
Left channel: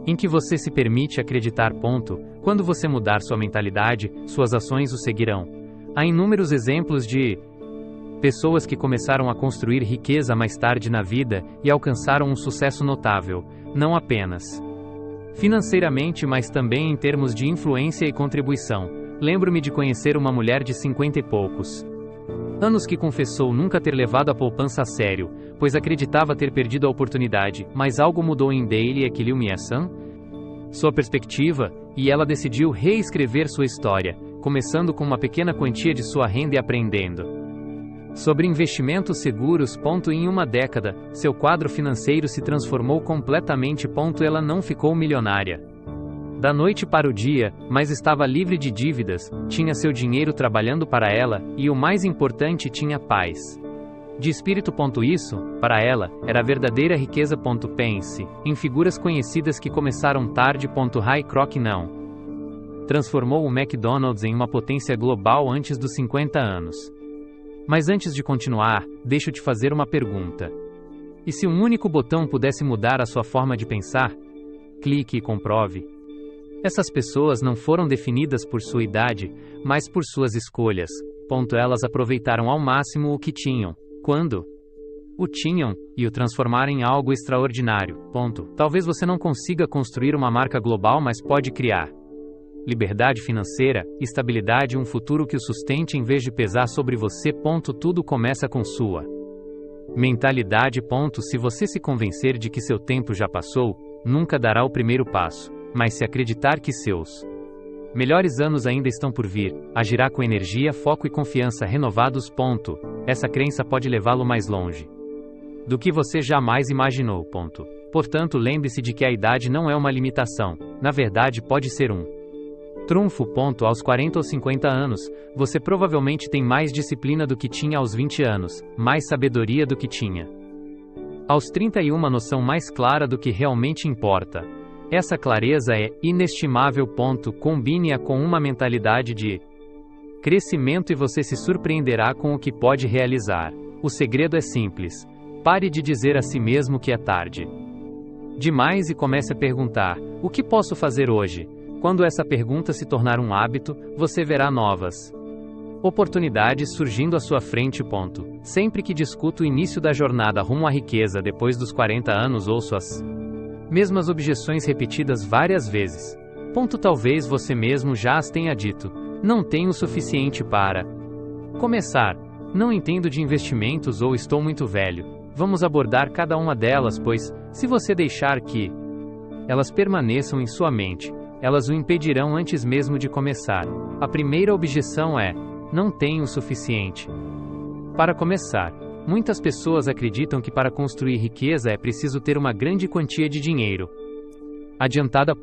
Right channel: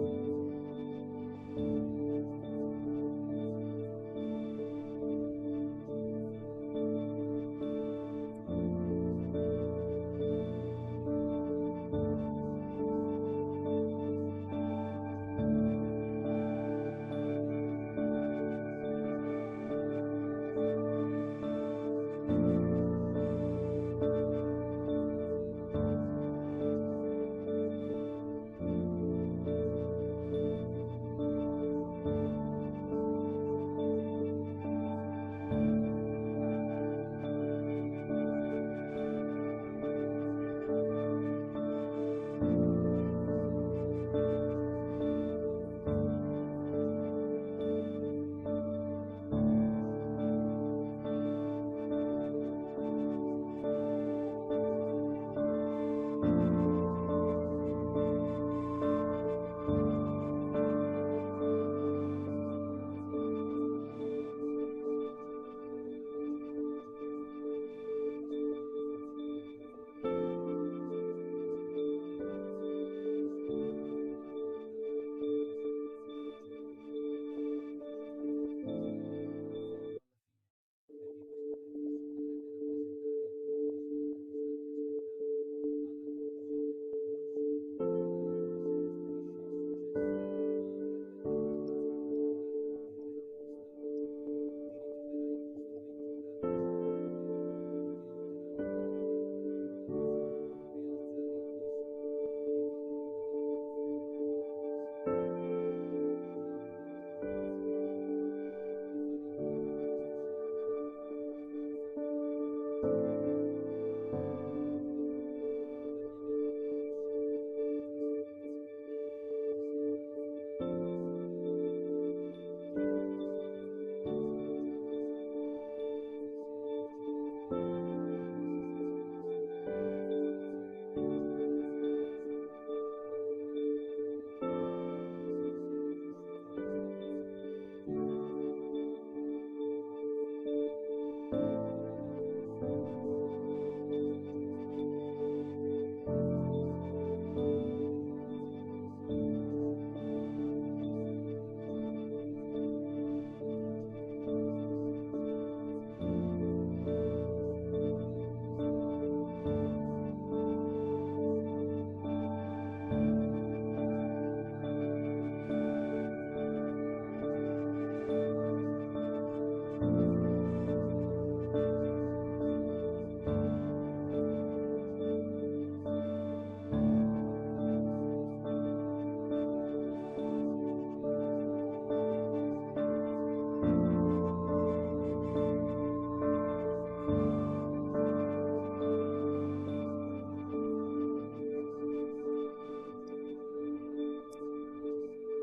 em que você se permite acreditar. Quando você mudar sua mentalidade, suas ações o seguirão. Há inúmeros exemplos de pessoas que começaram a construir riqueza mais tarde na vida e alcançaram um sucesso notável, não apenas financeiramente, mas também em termos de influência e contribuição. Lembro-me de conhecer uma mulher de 50 e poucos anos que confessou nunca ter levado a poupança a sério, pois acreditava ter perdido a oportunidade, mas algo mudou em Daily Equilibrium, sua perspectiva, e ela decidiu reescrever sua história, começando com uma pequena quantia de sua renda e aprendendo sobre investimentos seguros. Em uma década, seu quadro financeiro se transformou completamente. Ela não ficou milionária da noite para o dia, mas estava livre de dívidas, tinha seu dinheiro trabalhando para ela, e o mais importante, tinha paz de espírito. Isso, para ela, era a verdadeira riqueza. Pense em figuras conhecidas que começaram tarde. Ray Kroc não transformou o McDonald's em uma potência global antes dos 50 anos. Mas antes de continuar, deixo te fazer uma pergunta. E se um único botão pudesse mudar a sua forma de pensar? Clique e comprove. Essas pessoas não foram definidas por sua idade, mas por suas escolhas. Elas aproveitaram ao máximo o que tinham, quando o tinham, e o transformaram em algo extraordinário. Talvez você não consiga construir uma marca global, mas pode criar liberdade financeira, estabilidade e um futuro que o sustente em vez de pesar sobre você. Tudo começa com sua mentalidade. Se você se convencer de que seu tempo já passou, nunca dará o primeiro passo, mas se acreditar que seus melhores anos ainda estão por vir, agirá com energia, foco e confiança renovados. Essa crença pode levá-lo mais longe do que você jamais imaginou. Portanto, lembre-se de que a idade não é uma limitação, na verdade pode ser um trunfo. Aos 40 ou 50 anos, você provavelmente tem mais disciplina do que tinha aos 20 anos, mais sabedoria do que tinha aos 30 e uma noção mais clara do que realmente importa. Essa clareza é inestimável. Combine-a com uma mentalidade de crescimento e você se surpreenderá com o que pode realizar. O segredo é simples. Pare de dizer a si mesmo que é tarde demais e comece a perguntar: o que posso fazer hoje? Quando essa pergunta se tornar um hábito, você verá novas Oportunidades surgindo à sua frente. Sempre que discuto o início da jornada rumo à riqueza depois dos 40 anos, ouço as mesmas objeções repetidas várias vezes. Talvez você mesmo já as tenha dito. Não tenho o suficiente para começar. Não entendo de investimentos ou estou muito velho. Vamos abordar cada uma delas, pois, se você deixar que elas permaneçam em sua mente, elas o impedirão antes mesmo de começar. A primeira objeção é: não tenho o suficiente para começar. Muitas pessoas acreditam que para construir riqueza é preciso ter uma grande quantia de dinheiro adiantada.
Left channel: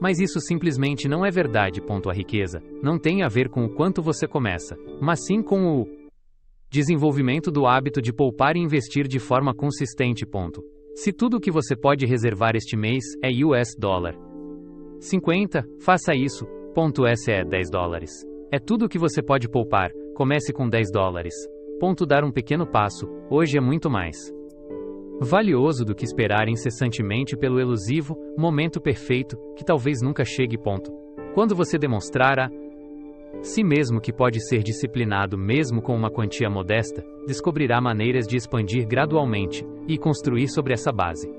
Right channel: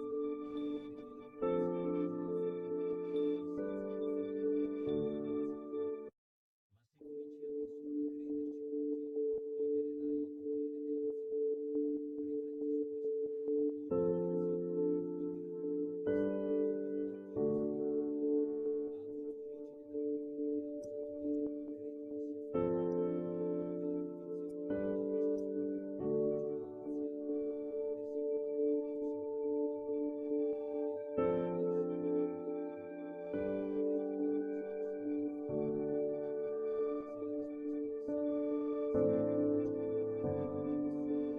Mas isso simplesmente não é verdade. A riqueza não tem a ver com o quanto você começa, mas sim com o desenvolvimento do hábito de poupar e investir de forma consistente. Se tudo o que você pode reservar este mês é $50, faça isso. Esse é $10. É tudo o que você pode poupar. Comece com $10. Dar um pequeno passo, hoje é muito mais valioso do que esperar incessantemente pelo elusivo momento perfeito, que talvez nunca chegue. Quando você demonstrar a si mesmo que pode ser disciplinado mesmo com uma quantia modesta, descobrirá maneiras de expandir gradualmente e construir sobre essa base.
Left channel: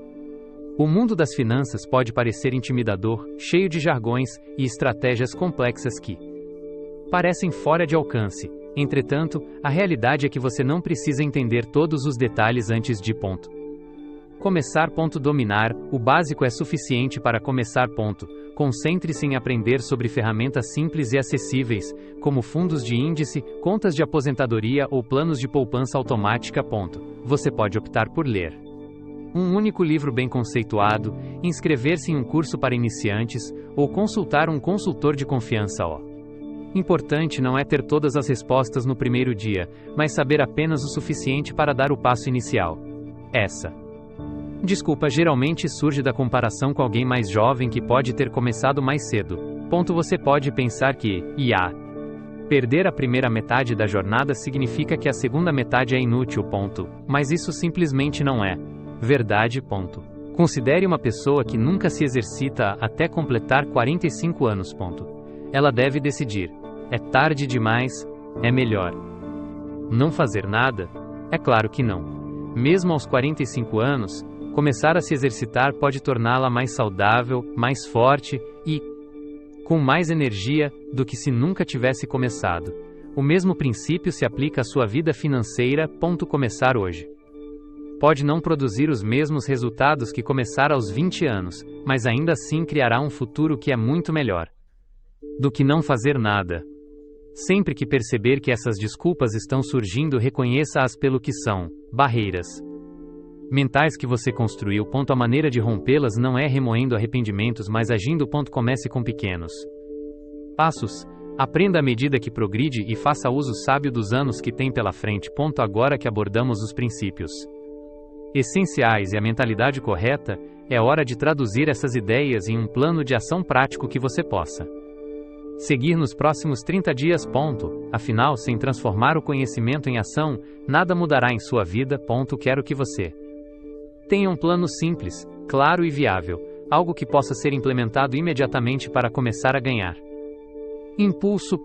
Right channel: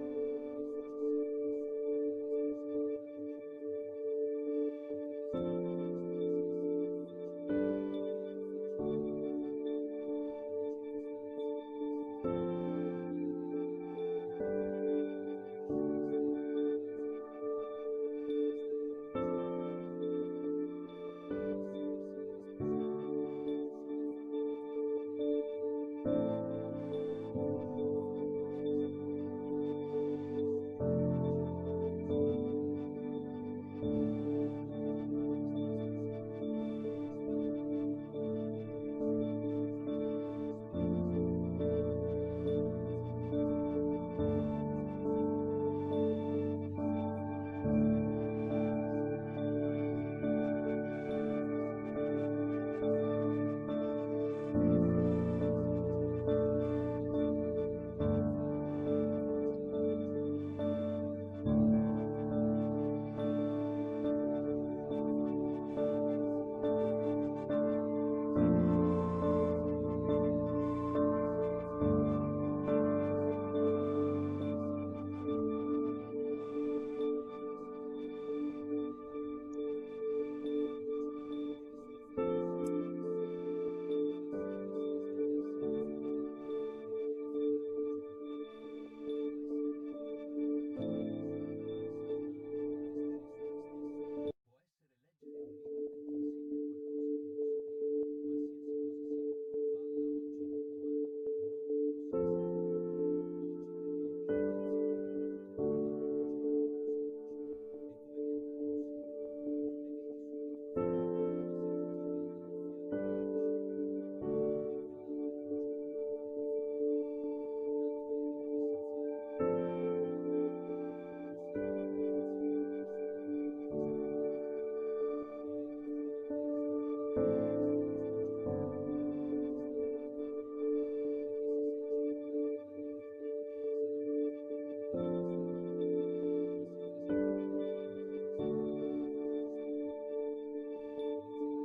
O mundo das finanças pode parecer intimidador, cheio de jargões e estratégias complexas que parecem fora de alcance. Entretanto, a realidade é que você não precisa entender todos os detalhes antes de começar. Dominar o básico é suficiente para começar. Concentre-se em aprender sobre ferramentas simples e acessíveis, como fundos de índice, contas de aposentadoria ou planos de poupança automática. Você pode optar por ler um único livro bem conceituado, inscrever-se em um curso para iniciantes ou consultar um consultor de confiança. Importante não é ter todas as respostas no primeiro dia, mas saber apenas o suficiente para dar o passo inicial. Essa desculpa geralmente surge da comparação com alguém mais jovem que pode ter começado mais cedo. Você pode pensar que, perder a primeira metade da jornada significa que a segunda metade é inútil. Mas isso simplesmente não é verdade. Considere uma pessoa que nunca se exercita até completar 45 anos. Ela deve decidir: é tarde demais? É melhor não fazer nada? É claro que não. Mesmo aos 45 anos, começar a se exercitar pode torná-la mais saudável, mais forte e com mais energia do que se nunca tivesse começado. O mesmo princípio se aplica à sua vida financeira. Começar hoje pode não produzir os mesmos resultados que começar aos 20 anos, mas ainda assim criará um futuro que é muito melhor do que não fazer nada. Sempre que perceber que essas desculpas estão surgindo, reconheça-as pelo que são: barreiras mentais que você construiu. A maneira de rompê-las não é remoendo arrependimentos, mas agindo. Comece com pequenos passos. Aprenda à medida que progride e faça uso sábio dos anos que tem pela frente. Agora que abordamos os princípios essenciais e a mentalidade correta, é hora de traduzir essas ideias em um plano de ação prático que você possa seguir nos próximos 30 dias. Afinal, sem transformar o conhecimento em ação, nada mudará em sua vida. Quero que você tenha um plano simples, claro e viável, algo que possa ser implementado imediatamente para começar a ganhar impulso.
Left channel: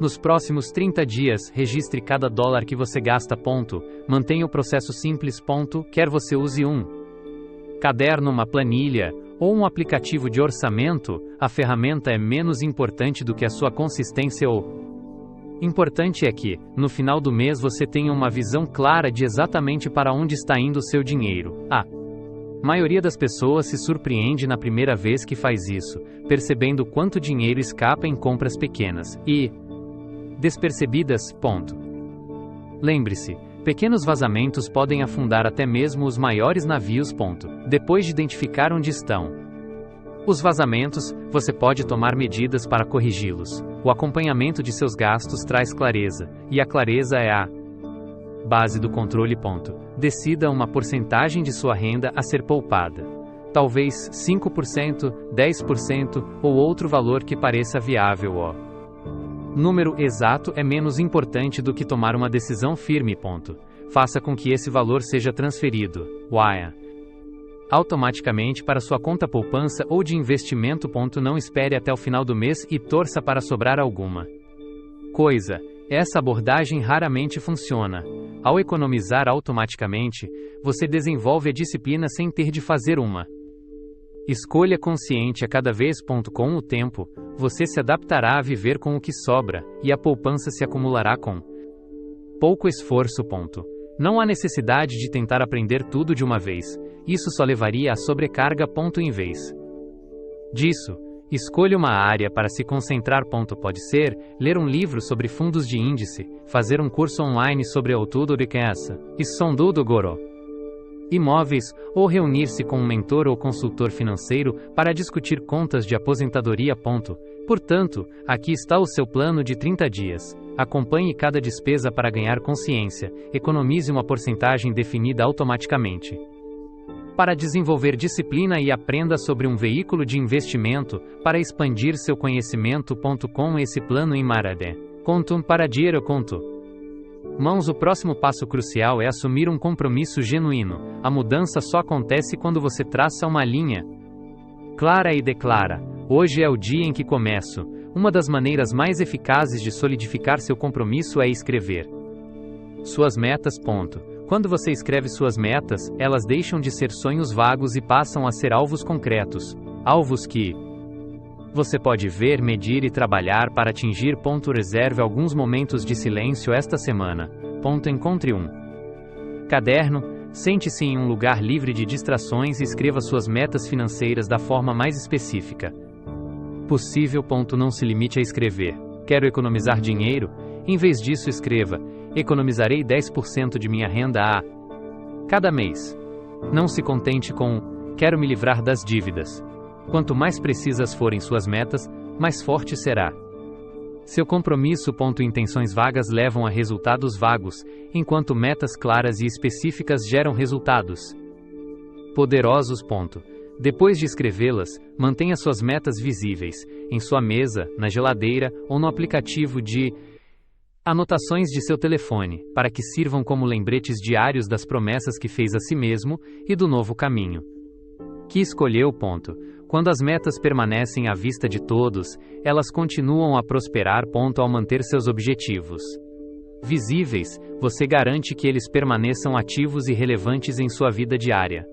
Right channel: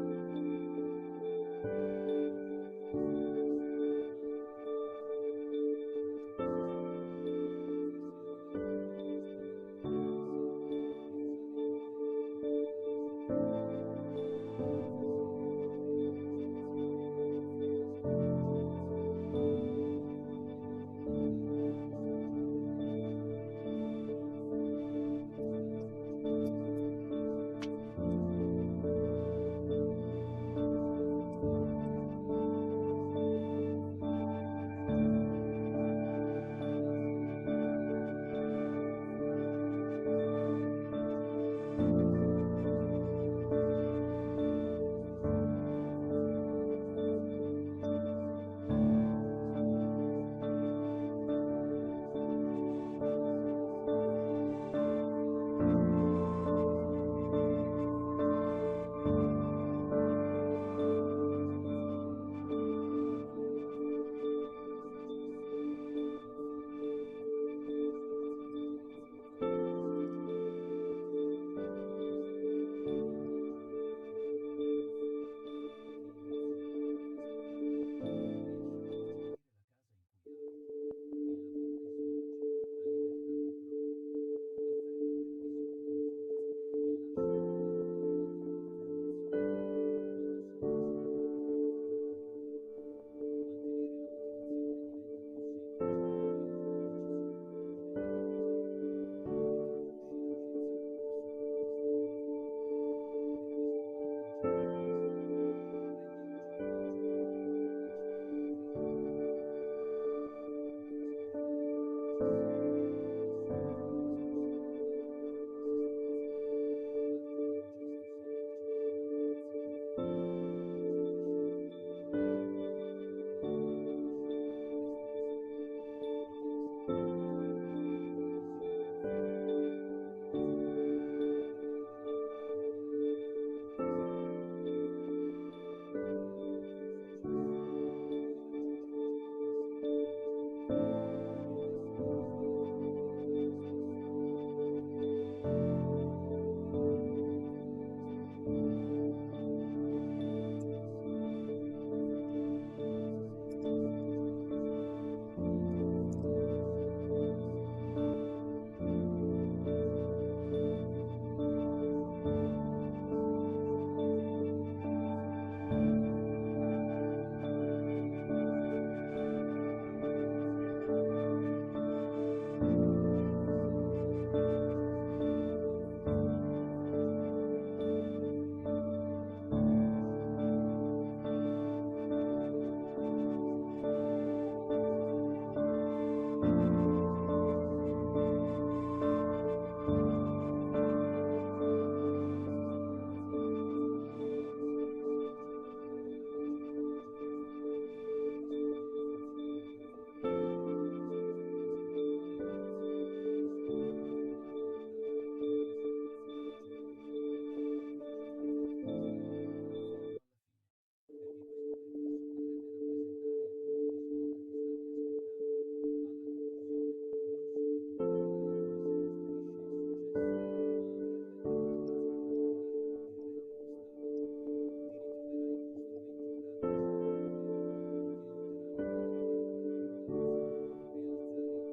Nos próximos 30 dias, registre cada dólar que você gasta. Mantenha o processo simples. Quer você use um caderno, uma planilha ou um aplicativo de orçamento, a ferramenta é menos importante do que a sua consistência. O importante é que, no final do mês, você tenha uma visão clara de exatamente para onde está indo o seu dinheiro. A maioria das pessoas se surpreende na primeira vez que faz isso, percebendo quanto dinheiro escapa em compras pequenas e despercebidas. Lembre-se, pequenos vazamentos podem afundar até mesmo os maiores navios. Depois de identificar onde estão os vazamentos, você pode tomar medidas para corrigi-los. O acompanhamento de seus gastos traz clareza, e a clareza é a base do controle. Decida uma porcentagem de sua renda a ser poupada. Talvez 5%, 10% ou outro valor que pareça viável. O número exato é menos importante do que tomar uma decisão firme. Faça com que esse valor seja transferido automaticamente para sua conta poupança ou de investimento. Não espere até o final do mês e torça para sobrar alguma coisa. Essa abordagem raramente funciona. Ao economizar automaticamente, você desenvolve a disciplina sem ter de fazer uma escolha consciente a cada vez. Com o tempo, você se adaptará a viver com o que sobra, e a poupança se acumulará com pouco esforço. Não há necessidade de tentar aprender tudo de uma vez, isso só levaria à sobrecarga. Em vez disso, escolha uma área para se concentrar. Pode ser ler um livro sobre fundos de índice, fazer um curso online sobre estudo de riqueza, estudo do goro, imóveis, ou reunir-se com um mentor ou consultor financeiro para discutir contas de aposentadoria. Portanto, aqui está o seu plano de 30 dias. Acompanhe cada despesa para ganhar consciência, economize uma porcentagem definida automaticamente para desenvolver disciplina e aprenda sobre um veículo de investimento para expandir seu conhecimento. Com esse plano em Marade, conto para dinheiro conto. O próximo passo crucial é assumir um compromisso genuíno. A mudança só acontece quando você traça uma linha clara e declara: hoje é o dia em que começo. Uma das maneiras mais eficazes de solidificar seu compromisso é escrever suas metas. Quando você escreve suas metas, elas deixam de ser sonhos vagos e passam a ser alvos concretos. Alvos que você pode ver, medir e trabalhar para atingir. Reserve alguns momentos de silêncio esta semana. Encontre um caderno, sente-se em um lugar livre de distrações e escreva suas metas financeiras da forma mais específica possível. Não se limite a escrever: quero economizar dinheiro. Em vez disso, escreva: economizarei 10% de minha renda a cada mês. Não se contente com: quero me livrar das dívidas. Quanto mais precisas forem suas metas, mais forte será seu compromisso. Intenções vagas levam a resultados vagos, enquanto metas claras e específicas geram resultados poderosos. Depois de escrevê-las, mantenha suas metas visíveis, em sua mesa, na geladeira ou no aplicativo de anotações de seu telefone, para que sirvam como lembretes diários das promessas que fez a si mesmo e do novo caminho que escolheu. Quando as metas permanecem à vista de todos, elas continuam a prosperar. Ao manter seus objetivos visíveis, você garante que eles permaneçam ativos e relevantes em sua vida diária.